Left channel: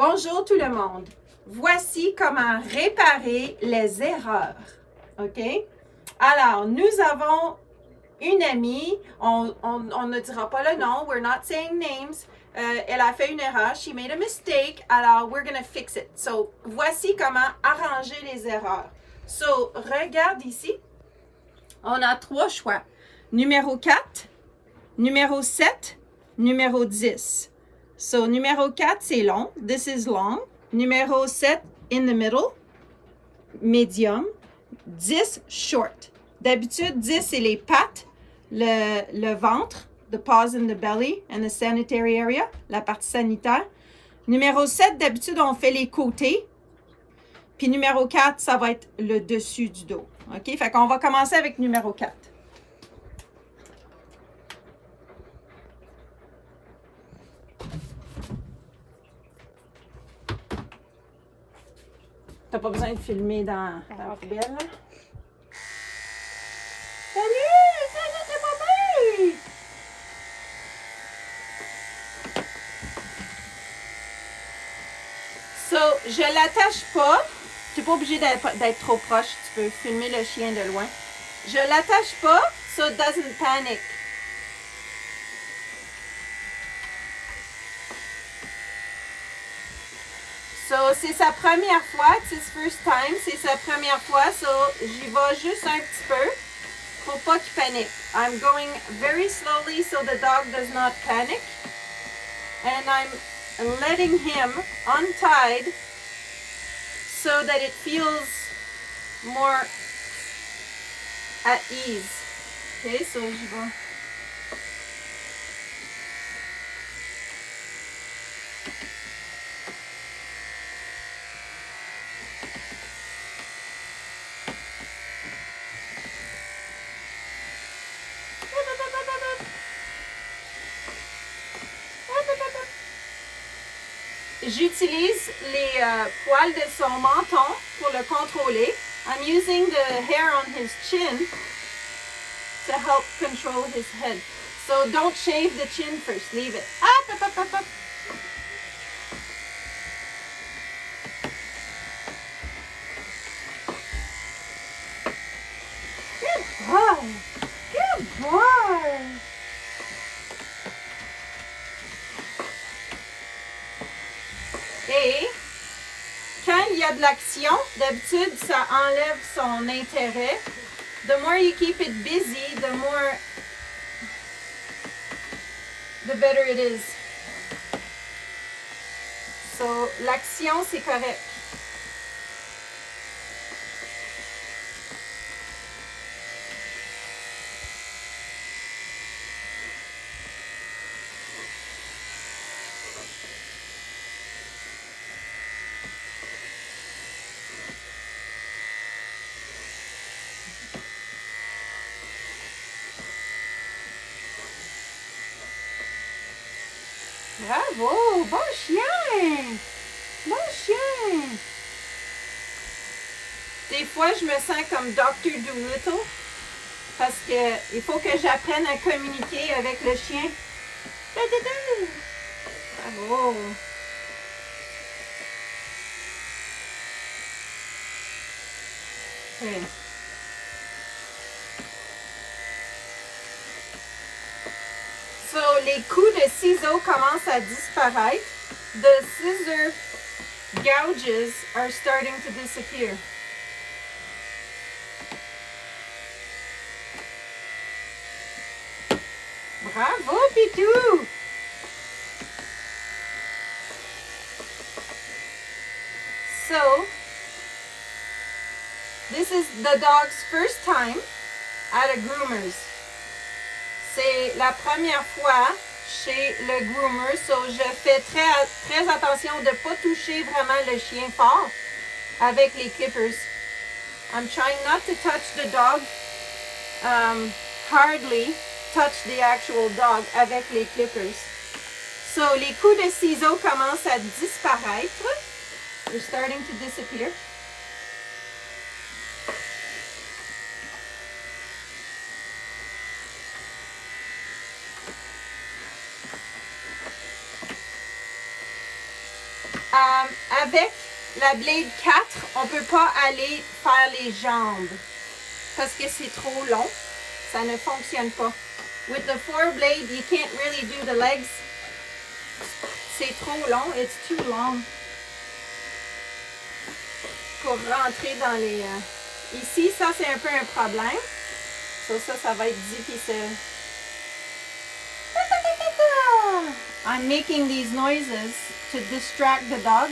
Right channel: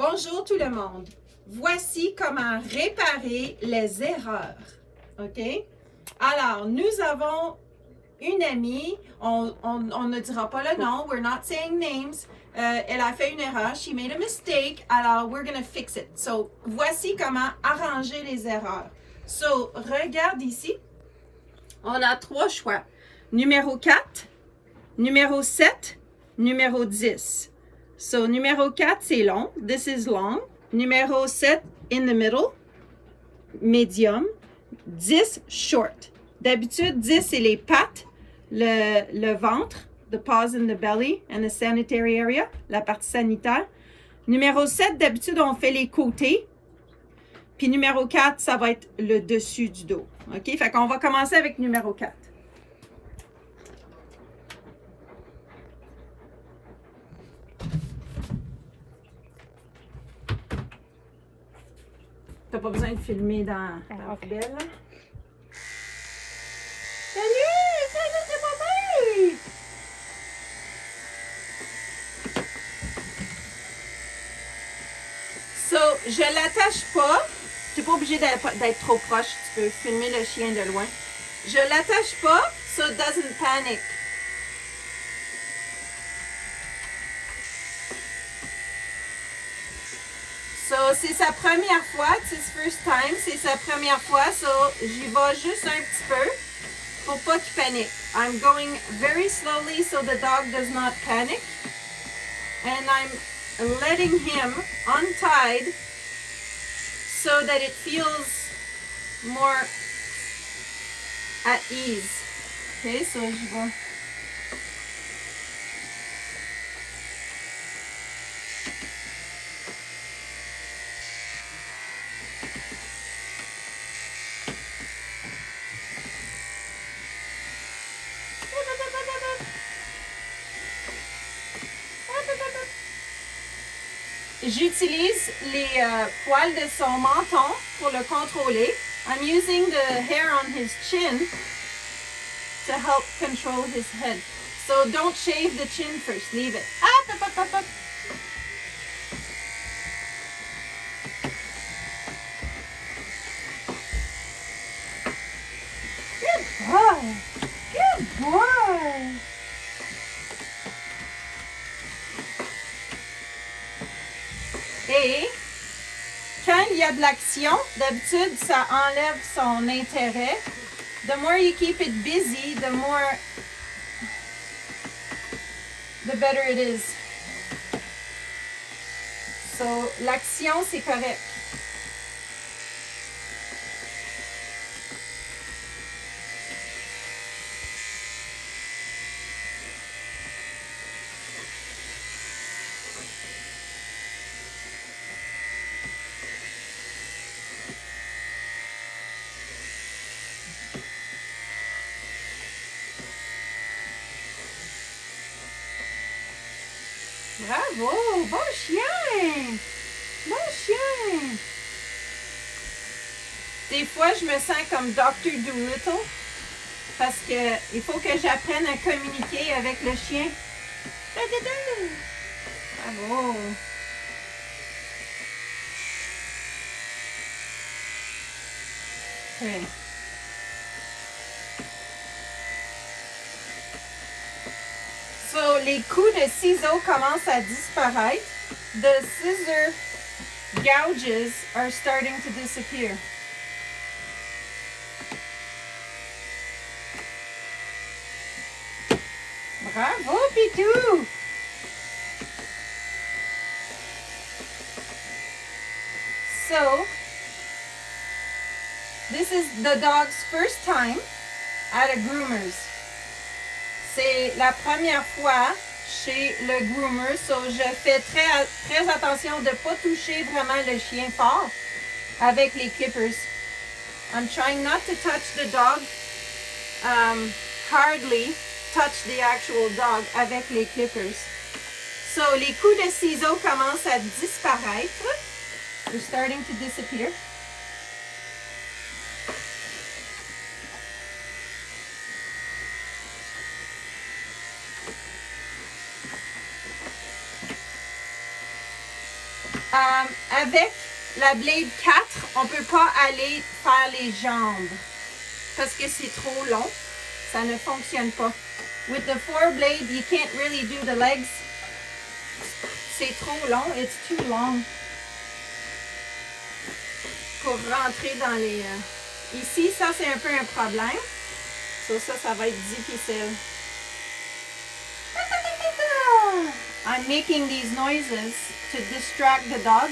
Bonjour tout le monde. Voici comment réparer les erreurs. OK? Alors, nous avons une amie, on ne dira pas le nom, we're not saying names. Elle a fait une erreur, she made a mistake, alors we're gonna fix it. So, voici comment arranger les erreurs. So, regarde ici, on a 3 choix. Numéro 4, numéro 7, numéro 10. So, numéro 4, c'est long. This is long. Numéro 7, in the middle. Medium. 10, short. D'habitude, 10, c'est les pattes, le ventre, the paws in the belly and the sanitary area, la partie sanitaire. Numéro 7, d'habitude, on fait les côtés. Puis numéro 4, ça va être le dessus du dos. OK? Fait qu'on va commencer avec numéro 4. T'as pas besoin de filmer dans la poubelle, là? Salut! Ça, c'est pas bien! So, je l'attache pas. Tu n'es pas obligé d'être trop proche. Tu peux filmer le chien de loin. Je l'attache pas, so it doesn't panic. So, c'est sa première fois, it's his first time, c'est sa première fois, so j'y vais juste un petit peu pour pas qu'il panique. I'm going very slowly so the dog does not panic. And I'm letting him untied so that it feels more at ease. Okay, so j'y vais. J'utilise les poils de son menton pour le contrôler. I'm using the hair on his chin to help control his head. So don't shave the chin first, leave it. Up, up, up, up, up. Good boy. Good boy. Et quand il y a de l'action, d'habitude, ça enlève son intérêt. The more you keep it busy, the better it is. So, l'action, c'est correct. Bravo! Bon chien! Bon chien! Des fois, je me sens comme Dr. Dolittle parce que il faut que j'apprenne à communiquer avec le chien. Bravo! Okay. So, les coups de ciseaux commencent à disparaître. The scissor gouges are starting to disappear. Bravo, Pitou! So, this is the dog's first time at a groomer's. C'est la première fois chez le groomer, so je fais très attention de ne pas toucher vraiment le chien fort avec les clippers. I'm trying not to touch the dog, hardly touch the actual dog avec les clippers. So, les coups de ciseaux commencent à disparaître. They're starting to disappear. Avec la blade 4, on ne peut pas aller faire les jambes parce que c'est trop long. Ça ne fonctionne pas. With the 4 blade, you can't really do the legs. C'est trop long. It's too long. Pour rentrer dans les... Ici, ça, c'est un peu un problème. Ça va être difficile. I'm making these noises to distract the dog.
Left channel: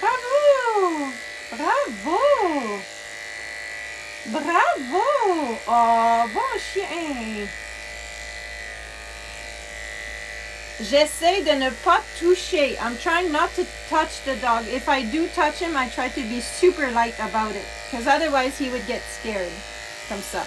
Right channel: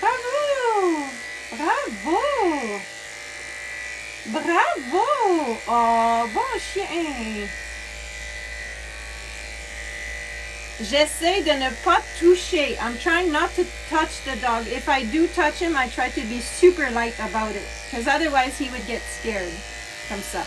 Bravo! Bravo! Bravo! Oh, bon chien! J'essaie de ne pas toucher. I'm trying not to touch the dog. If I do touch him, I try to be super light about it. Because otherwise he would get scared. Comme ça.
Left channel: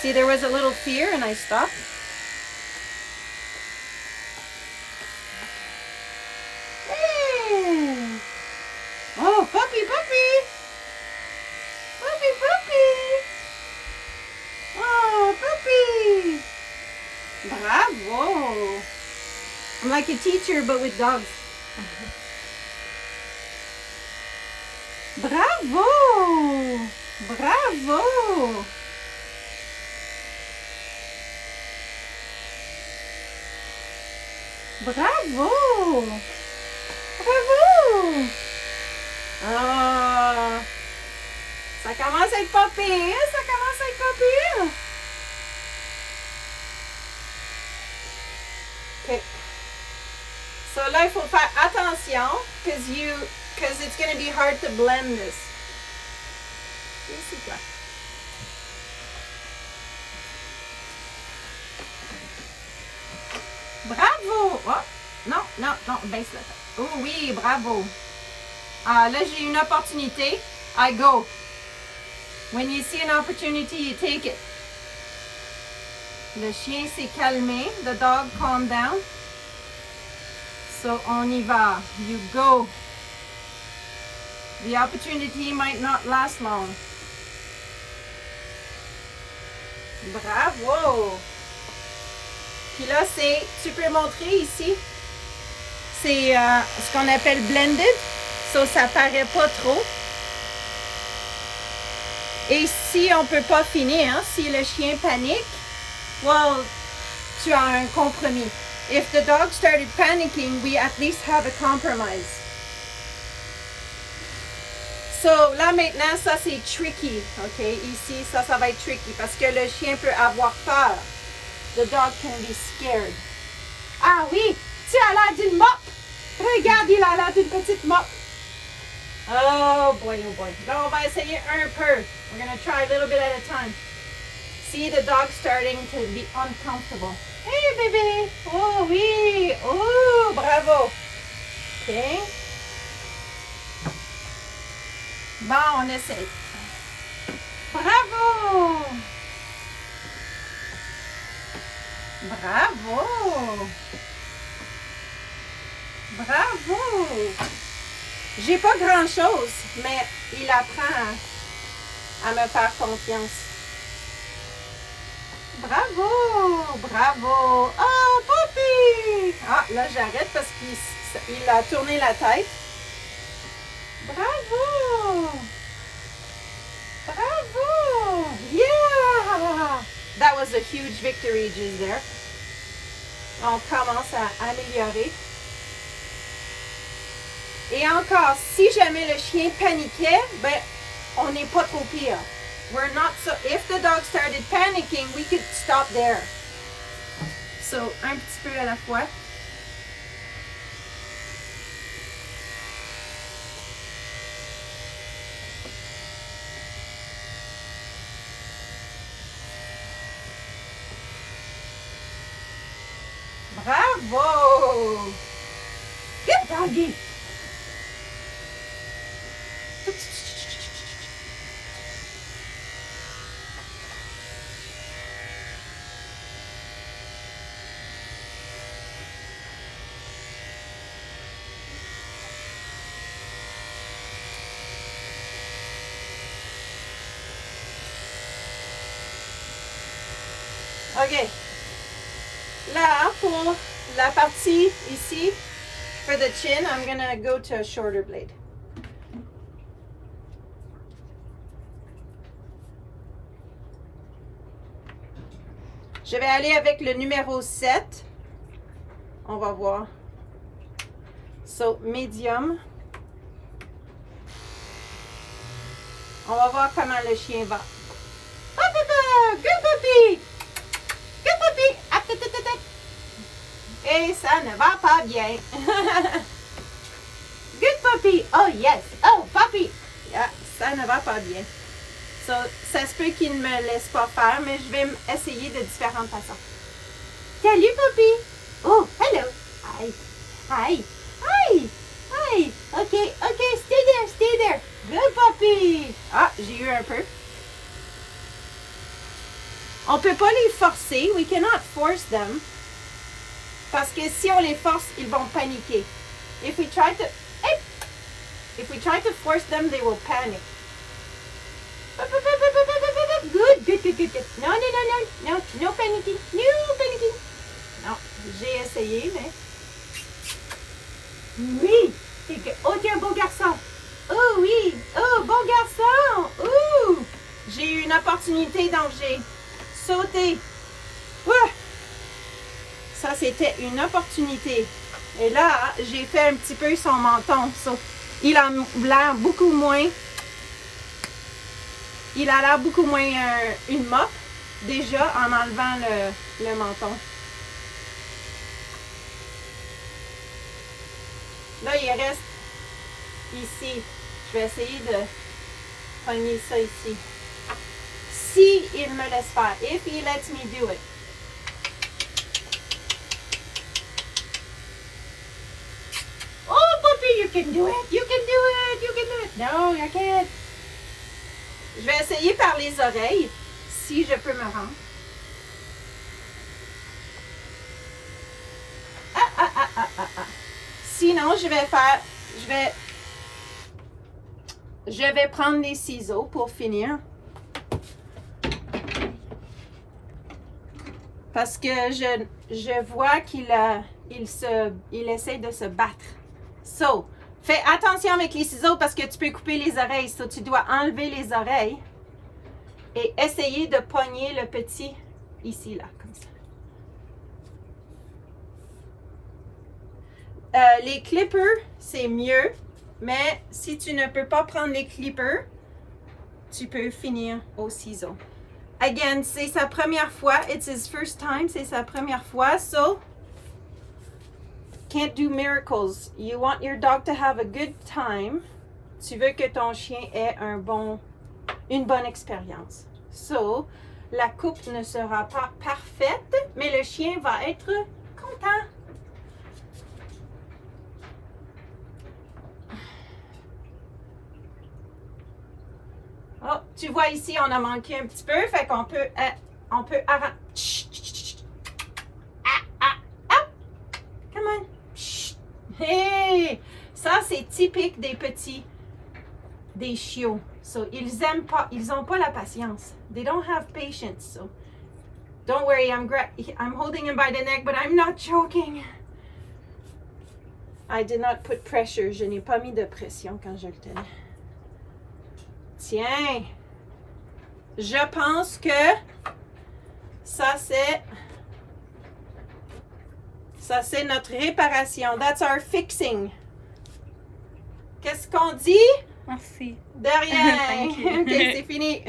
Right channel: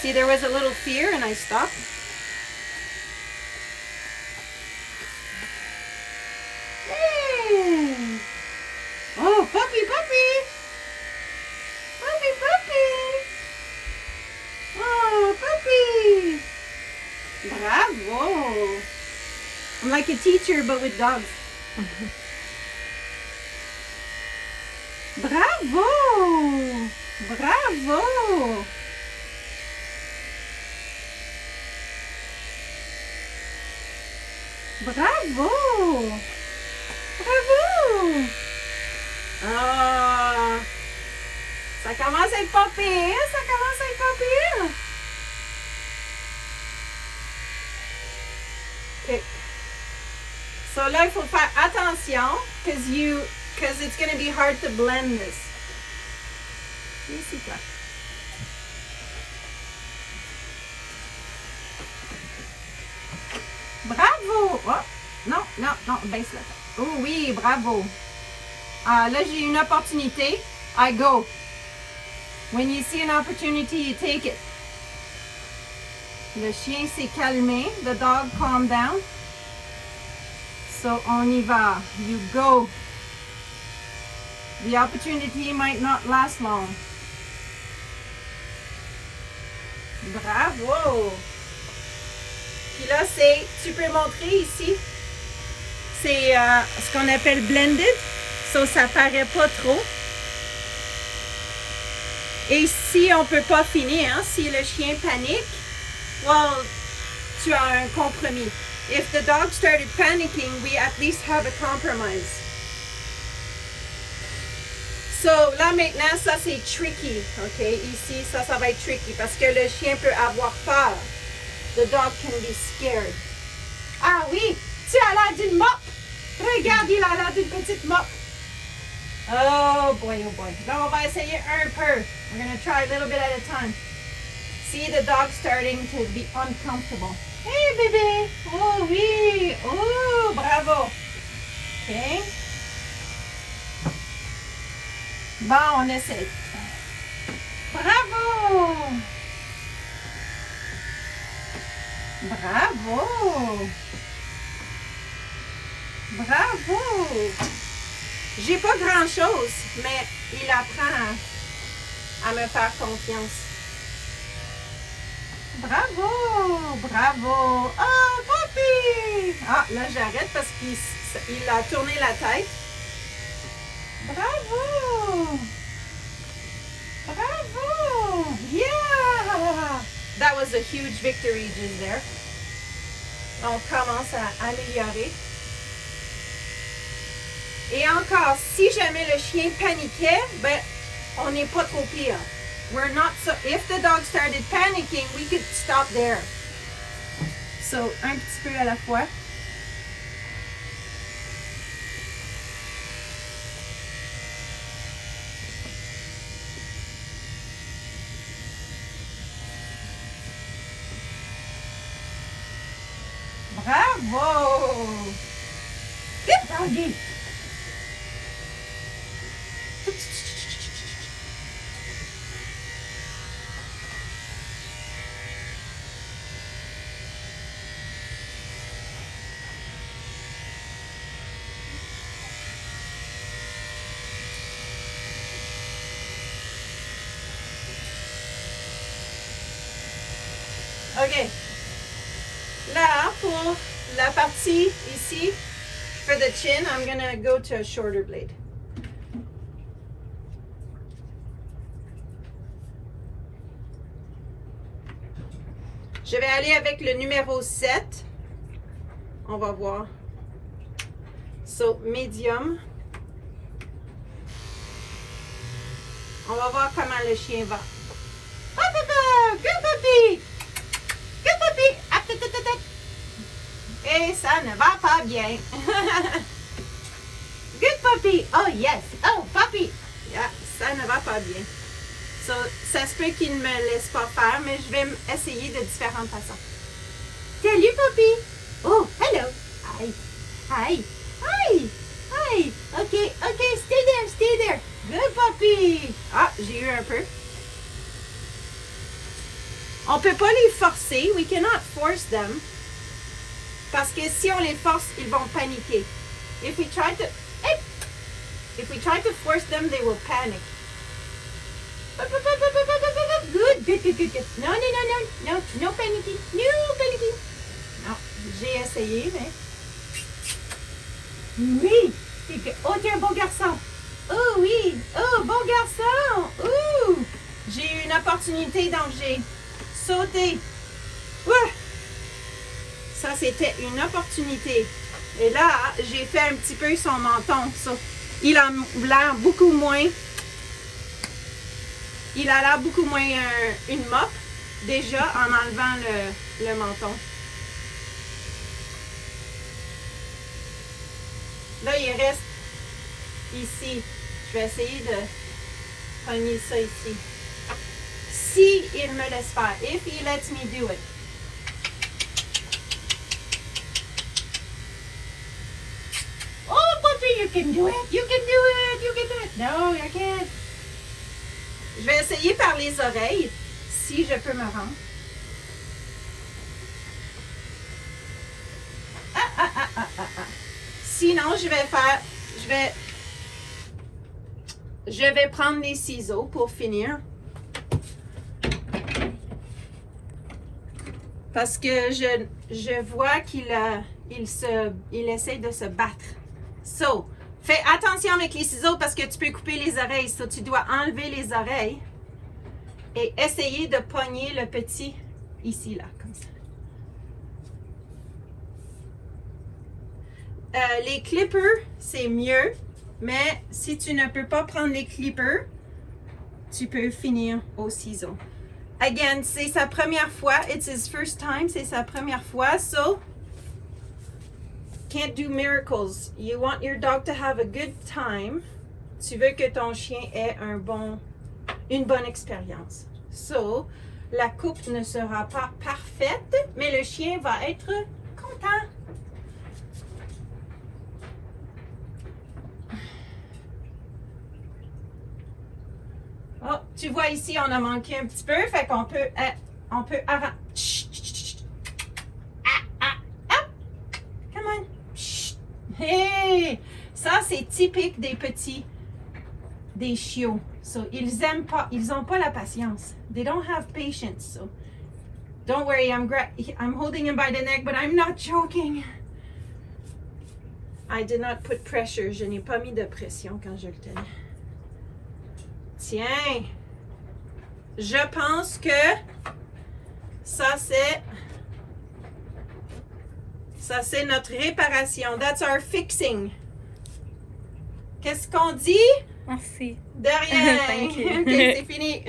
See, there was a little fear and I stopped. Hey! Oh, puppy, puppy! Puppy, puppy! Oh, puppy! Bravo! I'm like a teacher, but with dogs. Bravo! Bravo! Bravo! Bravo! Oh! Ça commence à être pas pire! Ça commence à être pas pire! OK. So là, il faut faire attention because it's going to be hard to blend this. Ici, toi. Bravo! Oh, non, non, non, baisse la tête. Oh oui, bravo. Ah, là, j'ai une opportunité. I go. When you see an opportunity, you take it. Le chien s'est calmé. The dog calmed down. So, on y va. You go. The opportunity might not last long. Bravo! Puis là, tu peux montrer ici, c'est ce qu'on appelle blended. So, ça paraît pas trop. Et si on peut pas finir, hein, si le chien panique, well, tu as un compromis. If the dog started panicking, we at least have a compromise. So, là maintenant, ça c'est tricky, ok? Ici, ça va être tricky parce que le chien peut avoir peur. The dog can be scared. Ah oui, tu as l'air d'une moque. Regarde, il a l'air d'une petite moque. Oh boy, oh boy. Là, on va essayer un peu. We're going to try a little bit at a time. See the dog starting to be uncomfortable. Hey, bébé. Oh oui. Oh, bravo. OK. Bon, on essaie. Bravo. Bravo. Bravo. J'ai pas grand-chose, mais il apprend à me faire confiance. Bravo! Bravo! Oh, papi! Ah, là, j'arrête parce qu'il a tourné la tête. Bravo! Bravo! Yeah! That was a huge victory just there. On commence à améliorer. Et encore, si jamais le chien paniquait, ben, on n'est pas trop pire. We're not so, if the dog started panicking, we could stop there. So, un petit peu à la fois. Bravo! Good doggy! OK. Là, pour la partie ici, for the chin, I'm gonna go to a shorter blade. Je vais aller avec le numéro 7. On va voir. So, medium. On va voir comment le chien va. Oh, papa! Good puppy! Good puppy! Ah, ta, ta, ta, ta. Et ça ne va pas bien. Good puppy! Oh, yes! Oh, puppy! Yeah, ça ne va pas bien. So, ça se peut qu'il ne me laisse pas faire, mais je vais essayer de différentes façons. Salut, puppy! Oh, hello! Hi! Hi! Hi! Hi! Okay, okay, stay there! Good puppy! Ah, j'ai eu un peu. On peut pas les forcer. We cannot force them. Parce que si on les force, ils vont paniquer. If we try to force them, they will panic. Good. No panicking. Non, j'ai essayé, mais... Oui! Oh, tu es un beau garçon! Oh oui! Oh, bon garçon! Oh! J'ai eu une opportunité, donc j'ai sauté. Ouais! Ça, c'était une opportunité. Et là, j'ai fait un petit peu son menton. So, il a l'air beaucoup moins... Il a l'air beaucoup moins une mop, déjà, en enlevant le menton. Là, il reste ici. Je vais essayer de pogner ça ici. Si il me laisse faire. If he lets me do it. Oh, puppy, you can do it. You can do it. You can do it. No, you can't. Je vais essayer par les oreilles, si je peux me rendre. Sinon, je vais prendre les ciseaux pour finir. Parce que je vois qu'il essaie de se battre. So, fais attention avec les ciseaux parce que tu peux couper les oreilles. So, tu dois enlever les oreilles et essayer de pogner le petit ici, là, comme ça. Les clippers, c'est mieux, mais si tu ne peux pas prendre les clippers, tu peux finir au ciseau. Again, c'est sa première fois. It's his first time. C'est sa première fois. So, can't do miracles. You want your dog to have a good time. Tu veux que ton chien ait une bonne expérience. So, la coupe ne sera pas parfaite, mais le chien va être content. Oh, tu vois ici, on a manqué un petit peu, fait qu'on peut arranger. Come on. Hey! Ça, c'est typique des chiots. So, ils ont pas la patience. They don't have patience. So, don't worry, I'm holding him by the neck, but I'm not choking. I did not put pressure. Je n'ai pas mis de pression quand je le tenais. Tiens, je pense que ça c'est notre réparation. That's our fixing. Qu'est-ce qu'on dit? Merci. De rien. Thank you. Okay, c'est fini.